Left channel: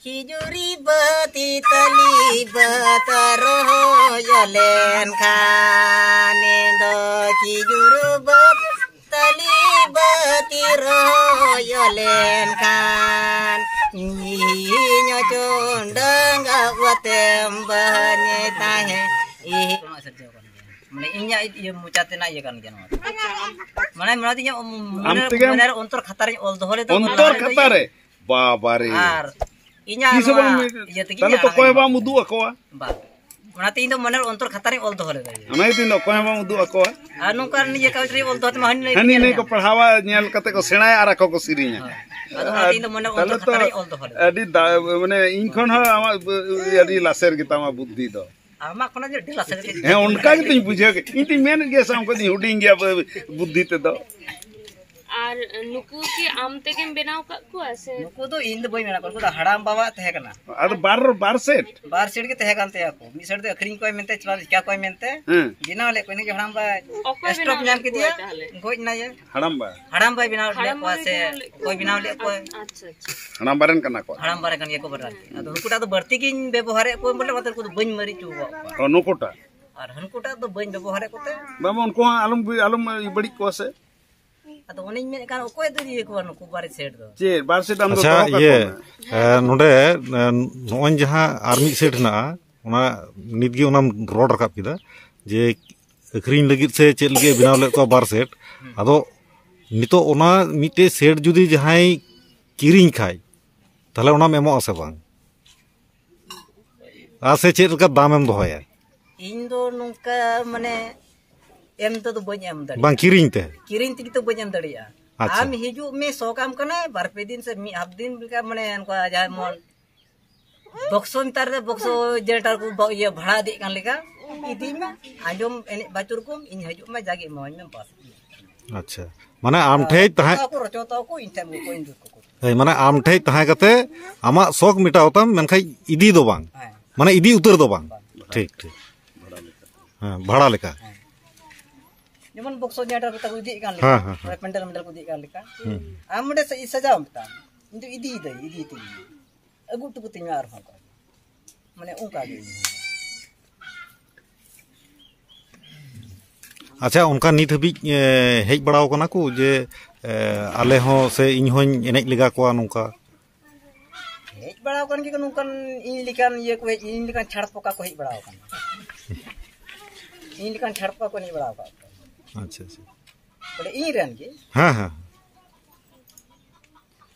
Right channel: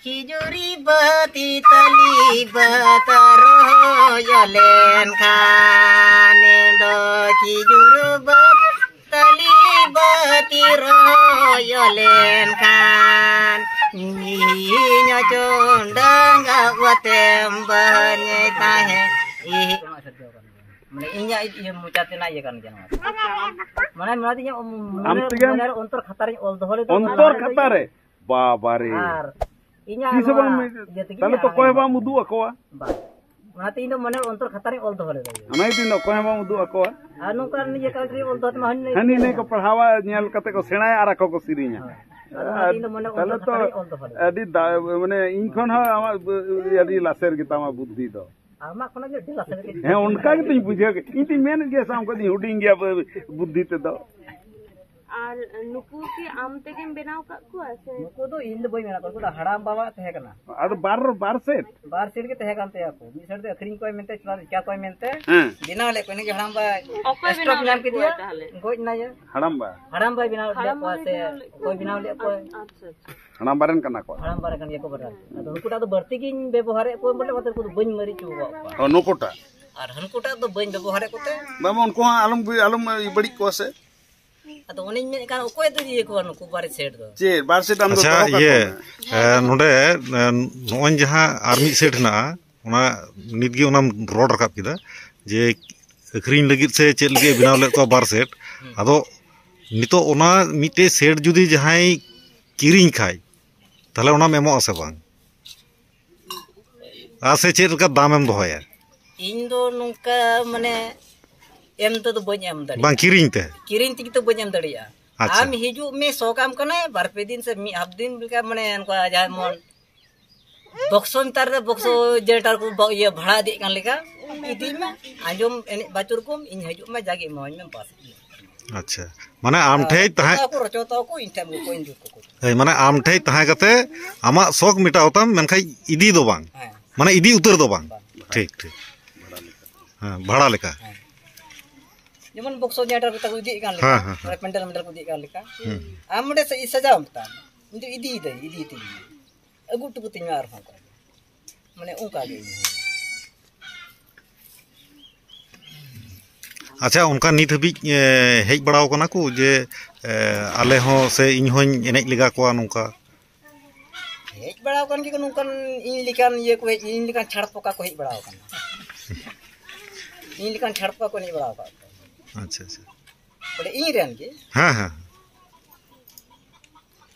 Kijuri bati tali bataroyolen kanendo kijuru tali bati royolen kan nyinya condang awatem banye tahe mana inya iya mucatina iya kan jangan mana menartinya benar untuk khatarnya ol dohole to untuk khatare babare inya iya tiginya talo to koy ba mudu akoa ba mana tindo benar untuk khatarnya ol dohole to ana tindo koy ba mudu akoa anu kan iya ka tri ol dohole ma hani ne ko pahwa nyel kate ko senay ara ko sirinya adu mana tindo benar untuk khatarnya ol dohole adi mane inkhon ha ama adi laser kita ma buddhi do ama kona je dilas saja he unka gi tin bujhe ke inti men ge sam ko di huding gya buddhi te do আর নুকু কি আম থেকে বেনাও কাকু আছে নুকু তো in বই মেনা করকু হাড়াম বাবা তহে কানা ad bar set के तहे कानते आको मी सेट दे अखरिंग कोय मेनते चला क्या कोय मेनते बिना ले कोने के हड़ाम बा स्टॉप नाम के दिया गोज ना ये हड़ाम बा बिना ले को से कोई बिना ले को अच्छा अच्छा हड़ाम बारन कना को हड़ाम बारे कन ये को बरा अदो हुकुटा तो बढ़ती किन व्यवहार को बोले मतलब को बन मरी चु ओ नोकोटा और हनकुटा तो बन व्यवहार कोते बाबा उनको आलम बड़ी को से अदो उनी में कान कोय तो ये को नुकु बारे सेट दो जे बार सेट अन अच्छा ये नोडे नोन जहां आर्मी सेट ना ओना नितगी ओनाम रोड रकाब किदा जे अखरिन लगित से चेल लगे बिनाव ले को बार सेट अदो नितो ओना मिटे सेट जुदी जहां किरिंग खाय ताले ओना मेमो आसे बांग आसे चेट का दाम एम दोहया इन दो नुका माने एम तो बन एम दड़ी बांग किरिंग ती तो बन एम दड़िया आम हिजु में सो काम कना बार पे दिन से मी हाफ दिन बिका माने अनका जा मन बक्सो तार बक्सो जेटार को ये भाड़ा दे कान लेका इदी में आजम एने बाचुर को इन हिजु में जागे मोय में पास अच्छा माने आम ठे तहा को रचोता को इन टाइम को इन जुट को माने आम ठे तहा कते आमा शौक मिटावतम मेनखाय इदी दो बांग माने इदी उतर दो बांग ठीक हां भाड़ा लेका जेमन बक्सो जेटार को इदी कान लेका पेंडल को इदी कान लेका आम मडे से सजाव मता इंदु इदी ती अगु टुकु तिमा आर हन माने उनका गे अच्छा उनका नित हबी हेज बड़ाव कना को जे आले हो से इन होኝ एनेज लेगा को नुका हेज बड़ाव कन के नुकन इन लिकान ये को इन लिकान छाड़ पका को हेज बड़ाव कन इन लिकान छाड़ पका को नहीं बड़ाव का अच्छा बोले इन रेन के हां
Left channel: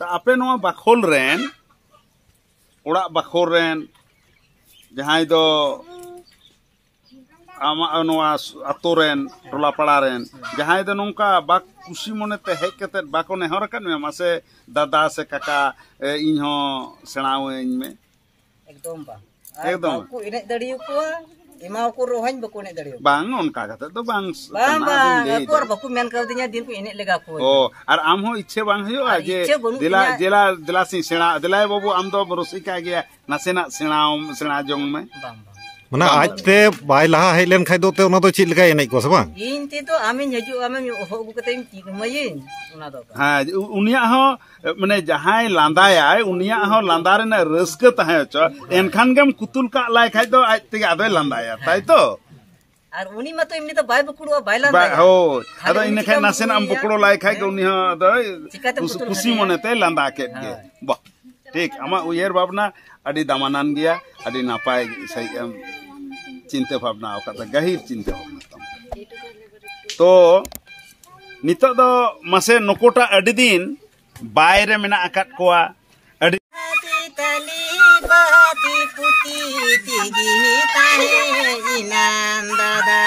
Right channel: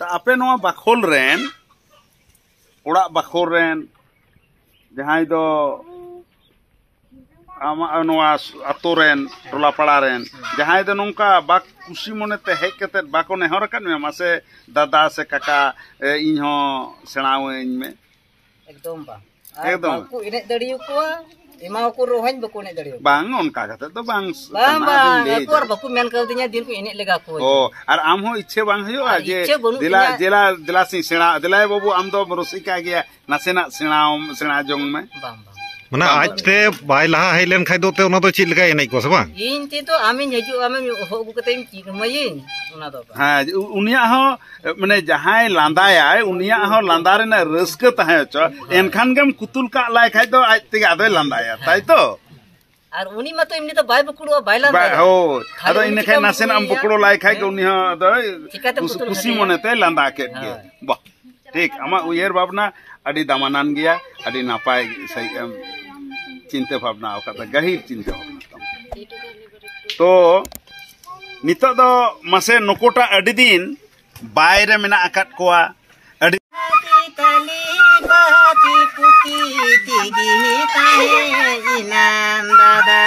ता आपे नोआ बाखोल रेन ओड़ा बाखोल रेन जहां दो आमा नोआ अतो रेन टोला पड़ा रेन जहां दो नोंका बाक खुशी मने ते हेज कते बाको नेहर कन में मासे दादा से काका इन हो सेणाव इन में एकदम बा बाको इने दड़ियो को इमाव को रोहन बको ने दड़ियो बांग उनका कते तो बांग अकोर बको मेन कर दिया दिन को इने लेगा को ओ और आम हो इच्छे बांग हयो जे दिला सी सेणा दिलाय बाबू आम दो रसिका गया नासेना सेणा जोंग में बांग माने आज ते बाय लहा हेलेन खाय दो ते ओना दो चिल लगा एनै को से बांग इन ते तो आमिन हजु आमिन होगु कते मयिन ओना दो हां उनिया हो माने जहाय लांदाय उनिया हो लांदा रे रस्क तहे छ एनखान गम कुतुल का लाय खाय दो आज ते आदे लांदाय ताई तो और उनी मत इमनी तो बाय बकुड़ो बाय लांदाय हो अदो इन खाय नासेन हम बकुड़ो लाय खाय के उनी हो दो खुशी मने ते लांदा के बा ठीक आमा उयर भावना अडी दामानान गया अडी नापाय सही चिंता भावना का गहीर चिंता तो नितो दो मसे नकोटा अडी दिन बायरे मेना अकात कोआ अडी तली बाती कुती तिगी ताहे इनाम दादा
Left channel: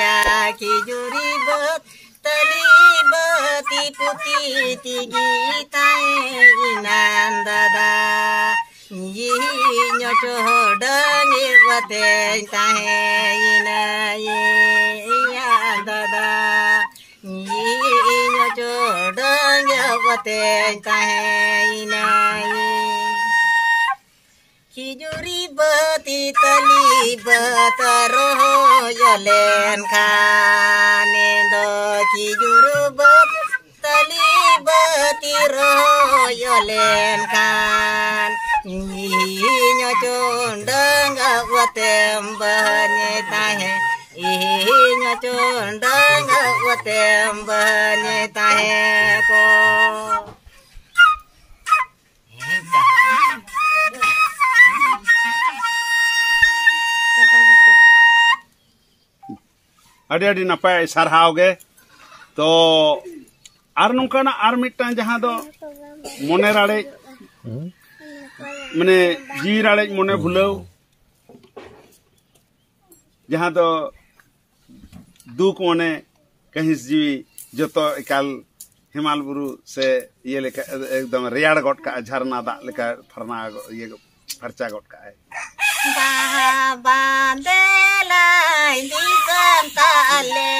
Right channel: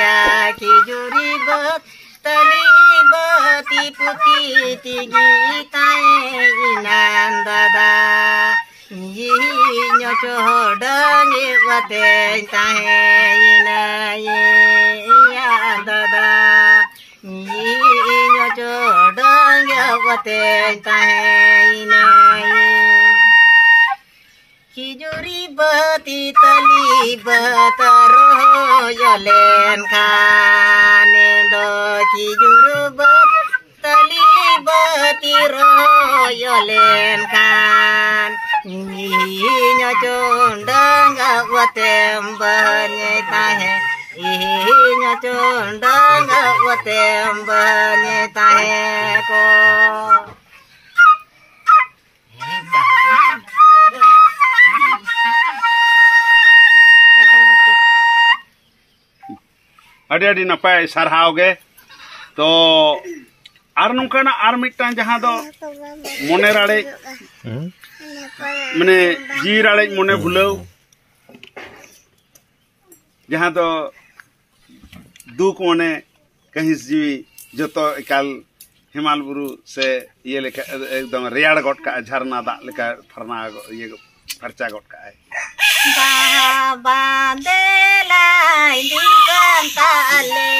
या खिजुरी बत तली बाती कुती तिगी ताहे इनाम दादा ये न्योटो डांगे वते ताहे इना ये या दादा ये न्योटो डांगे वते ताहे इना ये खिजुरी बती तली बतरो यलेन खाने दो खिजुर बत तली बती रो यलेन Khan Inya condang watem banye tahe inya condang watem banye tahe ko adi napai sarhau ge to ar nungkana ar mitang jaha do mone rade mane ji rade mone bhulau jaha do duk mone kahis ji joto ekal हिमाल बुरु से ये लेका एकदम रेयाड़ गोट का झरना दा लेका फरना ये फरचा गोट का है बाबा देलाई दिकन ताले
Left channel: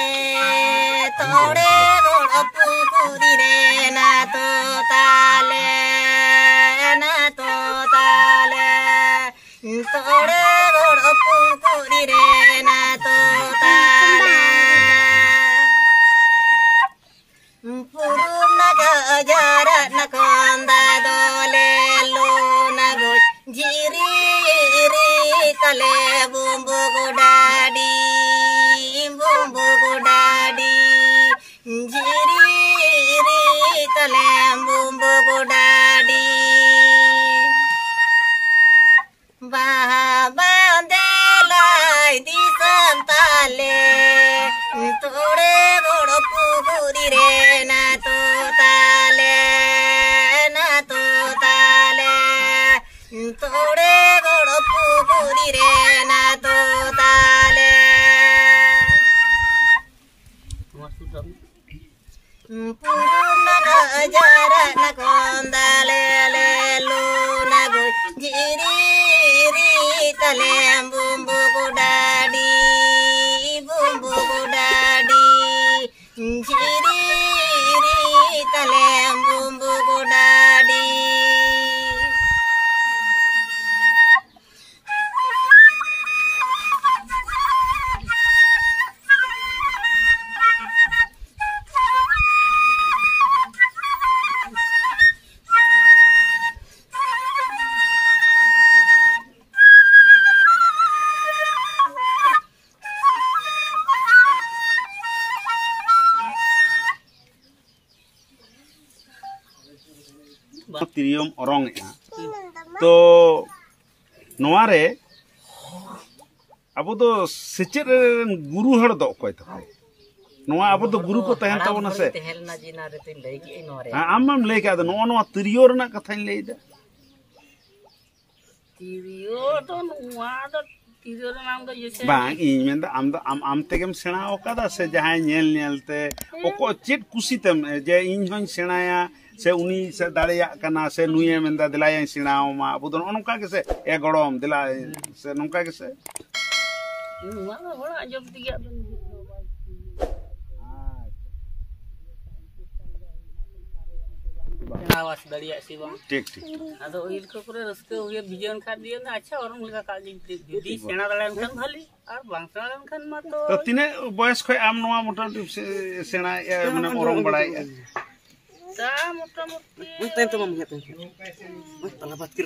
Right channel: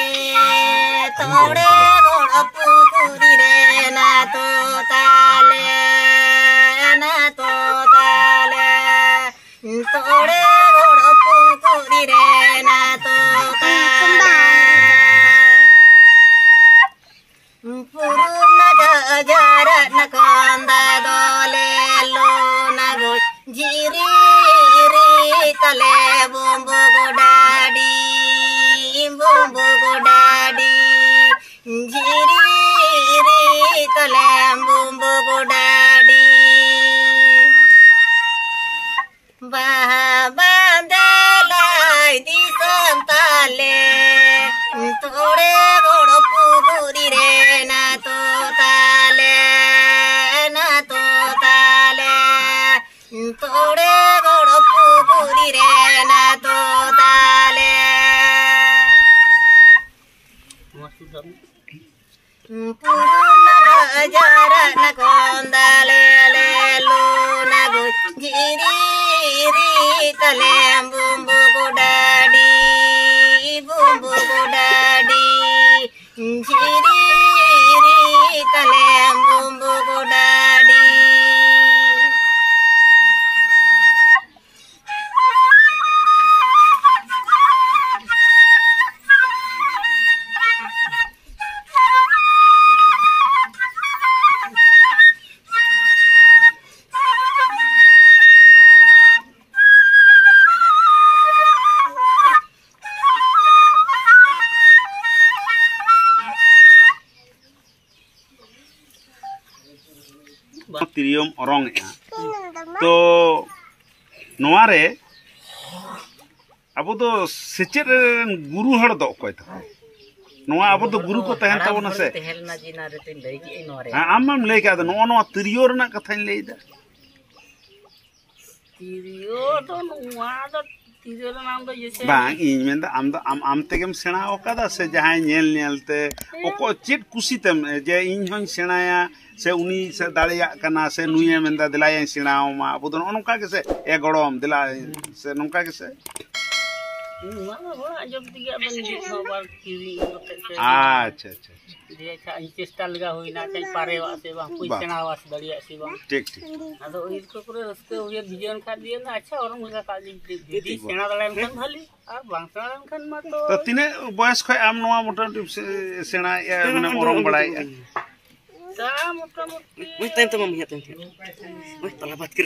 तोड़े गोड़ पुकुरी रे ना तो ताले तोड़े गोड़ पुकुरी रे ना तो ताले Puruna jara nakonda dole lo nago jiri tale bumbu godadi jiri tale bumbu godadi baba delai di santale tore godo puguri re na to tale tore godo puguri re na to tale puruna jara na kondale le luna go jiri tale bumbu godadi jiri tale bumbu godadi तिरियम ओरंग तो नोआरे अब तो सेचेद गुरु हड़ दो कोई तो नोआ अब तो गुरु को तहन तबना से तेहलना जिना रे ते लई की नोरे आमम लई का नो नो तिरियो रना कथा लई दा तिरियो तो नोआ तो तिरियो नाम तो जैसे बांग इन में आम तेगेम सेना ओकादा से जहां नेल नेलते ओको चेट कुसीतेम जे इन होन सेनाया से उनी से दाड़िया कना से नुये मेंदा दिलाय सेनाओ मा अब तो नोका के से ए गड़म दिला से नोका के से नुआ बड़ा जब दिया बन बार किरी अच्छा देखा चेष्टा लगा होइना चाइ पारे वासे बा कोई सेना वास दड़िया से बा ठीक आदो ओइल को करे रस्के होय बिजन खा दिए ना अच्छा और लगा का दीदी सेना दड़ान खान भली और बांग सेना खान मा तो तिने बयस खय आम नोआ मोटा सेना माने ओरंग बड़ाय ता मोटा मोटी ओइ तन तो मम हेतन ओइ तला बात कर